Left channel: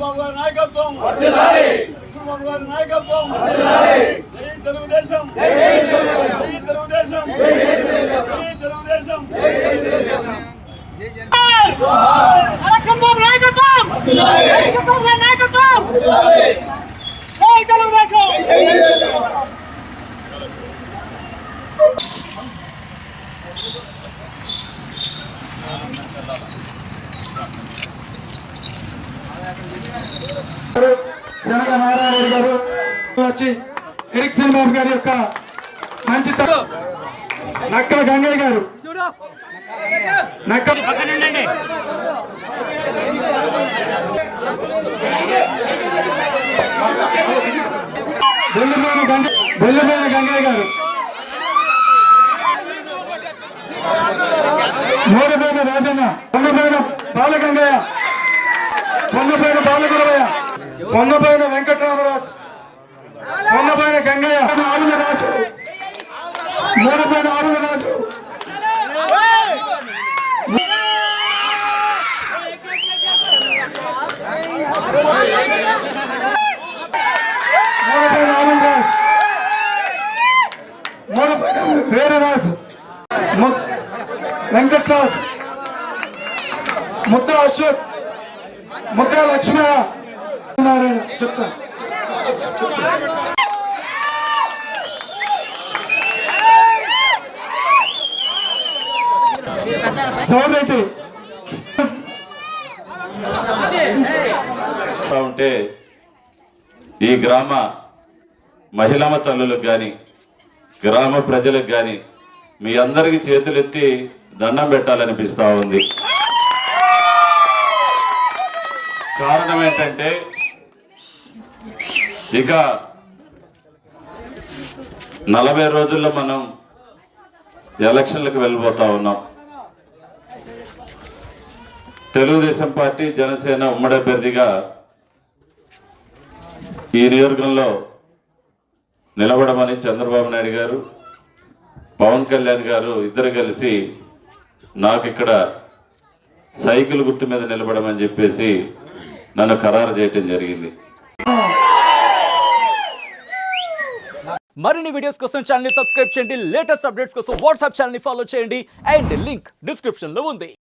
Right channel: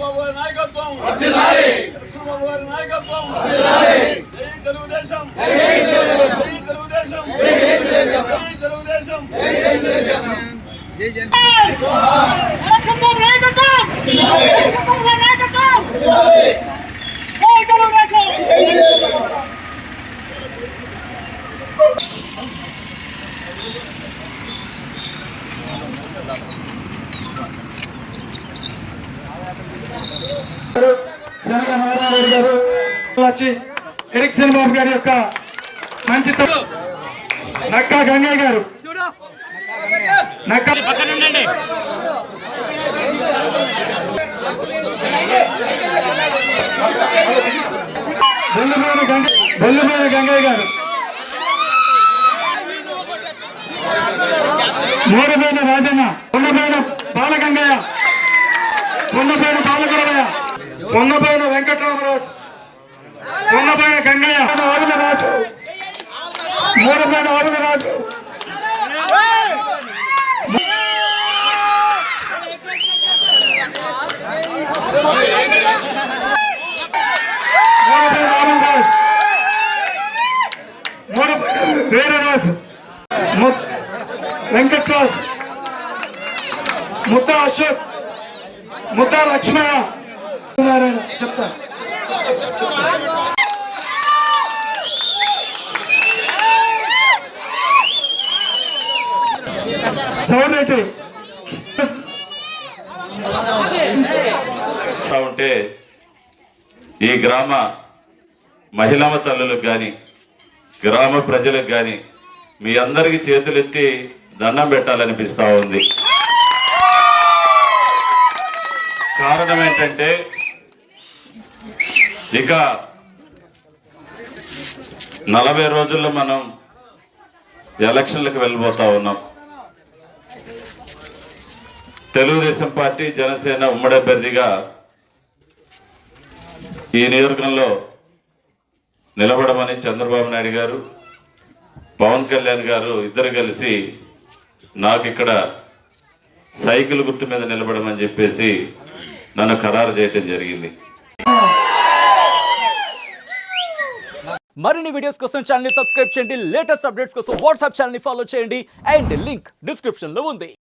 చంద్రబాబు గారి నాయకత్వం, చంద్రబాబు గారి నాయకత్వం, జై తెలుగుదేశం, జై తెలుగుదేశం, జై తెలుగుదేశం, జై తెలుగుదేశం. చంద్రబాబు నాయకత్వం, చంద్రబాబు గారి నాయకత్వం, జై తెలుగుదేశం. శనగ నారాయణ గారు వచ్చి ఎరిక్సన్ బాబు గారి యొక్క మంచి నక్కా గంగయ్య గారు బెల్లుమైన గంగయ్య గారు, మూడుపేట రాజన్న, కొండపైన బాలగంగయ్య, కొండపైన బాలగురవయ్య, కొండపైన వెంకటరామరాజు, కొండపైన గంగయ్య, ఆరుల రాజు, మూడుపైన ఆరుల రాజు, మూడుపైన ఆనంద్ రాజు, మూడుపైన వీరరాజు, వెంకట్రాజు, ముద్ద అశోక్, ముద్ద లక్ష్మయ్య చెప్తా సౌరెడ్డి ఉంటే ఈ గ్రామ మహిళా తల్లులకు కానీ గ్రామ ప్రజలకు కానీ మీ అందరికి చేతులెత్తి దండం పెట్టాలనిపిస్తా ఉంది. కారణం ఏంటంటే ఇక 40 రోజుల్లో మనం ఎలక్షన్లకు వెళ్ళిపోతా ఉన్నాం. తెలుగుదేశం పార్టీ జనసేన ఉమ్మడి అభ్యర్థిగా ఈ నియోజకవర్గంలో నిలబడమని చంద్రబాబు నాయుడు గారు, పవన్ కళ్యాణ్ గారు ఇద్దరు కలిసి నాకు ఇక్కడ సైకిల్ గుర్తు మీద నిలబడమని చెప్పేసి నన్ను ఖరారు చేయటం జరిగింది. మరిన్ని వీడియోస్ కోసం ఛానల్ ని సబ్స్క్రైబ్ చేయండి. లేటెస్ట్ అప్డేట్స్ కోసం వాట్సాప్ ఛానల్ ని ఫాలో చేయండి. అండ్ లింక్ డిస్క్రిప్షన్ లో ఉంది.